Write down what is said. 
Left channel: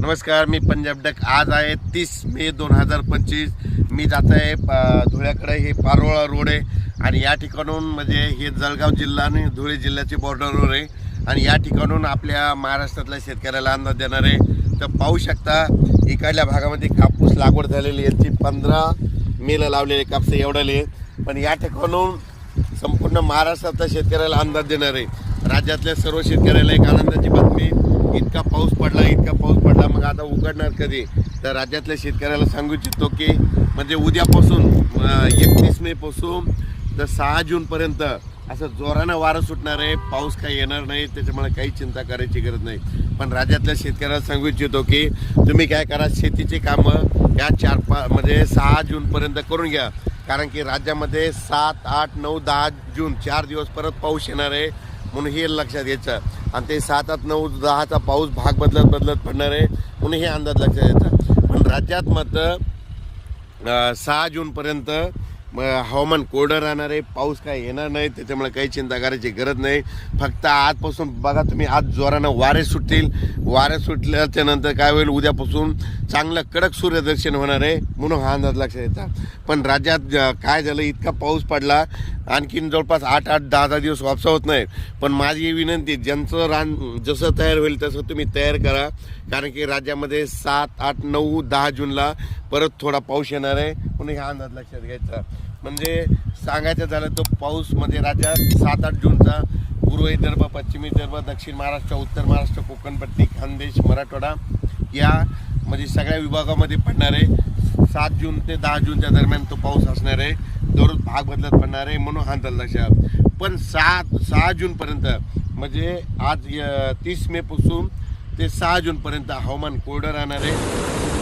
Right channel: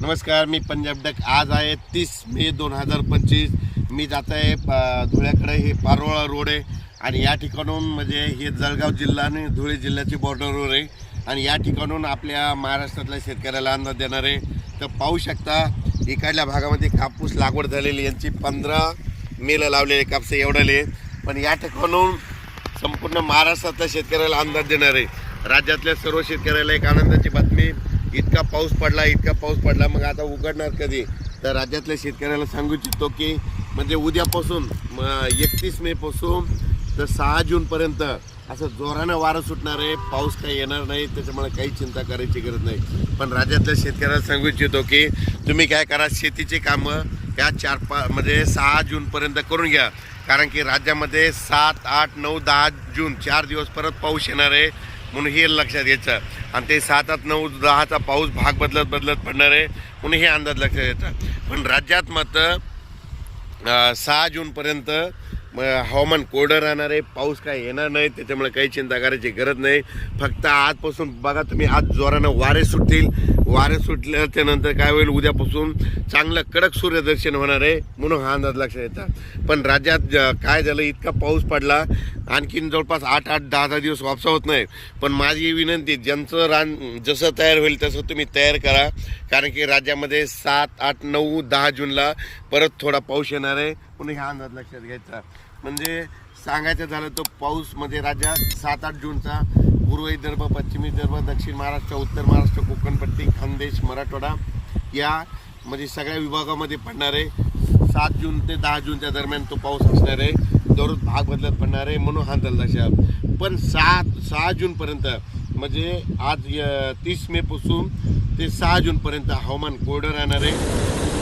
नमस्कार, मी पंजाब डक। आज आहे 30 मे 2025। मी जात आहे धुळ्याकडे। हे पारोळा रोड आहे आणि या ठिकाणून म्हणजे हे जळगाव जिल्हा आणि धुळे जिल्ह्याचे बॉर्डरवर आहे आणि या ठिकाणून आपल्या महाराष्ट्रातल्या शेतकऱ्याला अंदाज देणार आहे। तर पाहू शकता इकडल्या भागामध्ये कापूस लागवड झालेली, यांची 15 मेला लावलेले कापूस एवढाले, पण या ठिकाणून संपूर्ण महाराष्ट्रातल्या शेतकऱ्याला अंदाज देणार आहे। राज्यातल्या सर्व शेतकऱ्याला एक आनंदाची बातमी, इतका पाऊस पडला, मग आता उघडणार कधी? तर राज्यातल्या शेतकऱ्याला सांगू इच्छितो की म्हणजे उद्यापासून 31 मे पासून तर 6 जून पर्यंत असं जोरानं वारं सुटणार आहे। पाऊस काही येणार नाही, त्याच्यामुळे काही चिंता करायची गरज नाही। पण राज्यातल्या शेतकऱ्याला सांगू इच्छितो की तुम्ही काय करा, शेतीचे कामं या 4-5 म्हणजे 6 जून पर्यंत करून घ्या, कारण की राज्यामध्ये 7, 8, 9, 10 जून 4 दिवस परत पाऊस येणार आहे, म्हणून हे लक्षात घ्यायचं। आणि ते 7, 8, 9, 10चा पाऊस भाग बदलत पडणार आहे, म्हणून हे अंदाज लक्षात घ्यायचा। पण राज्यात मात्र 6 जूनपर्यंत हवामान कोरडं राहणार आहे, पाऊस काय येणार नाही, त्याच्यामुळे काही चिंता करायची गरज नाही। फक्त आजपासून बघा तुम्ही, आज जोरानं वारे सुटतील, वारे सुटल्याच्या नंतर काय होईल, उद्यापासून चांगलं कडक सूर्यदर्शन होणार आहे, म्हणून हा अंदाज लक्षात येतात। पण राज्यात काय झालं, इतका पाऊस पडला, आणखीन जवळपास 8-8, 10-10 दिवस वापसा होत नाही। पण माझी विनंती, ज्यांचं रान जसं तयार होईल तसं तुम्ही तयार करा, कारण की राज्यामध्ये 7, 8, 9, 10 जूनला परत थोडा पाऊस येणार आहे, म्हणून हा अंदाज लक्षात घ्यायचा। म्हणजे सांगायचं झालं तर पाऊसमध्ये राज्यात 7-8 जूनचा पूर्व विदर्भ, पश्चिम विदर्भ, दक्षिण महाराष्ट्र, उत्तर महाराष्ट्र, कोकणपट्टी, खानदेश, मराठवाडा या म्हणजे सगळ्या विभागामध्ये पडणार आहे। 7 जून ते 10 जूनच्या दरम्यान तो पाऊस असणार आहे, दररोज भाग बदलत पडणार आहे, म्हणून हा अंदाज लक्षात। पण 6 जूनपर्यंत म्हणजे आज 30 मे पासून ते 6 जूनपर्यंत हवामान कोरडं राहणार आहे।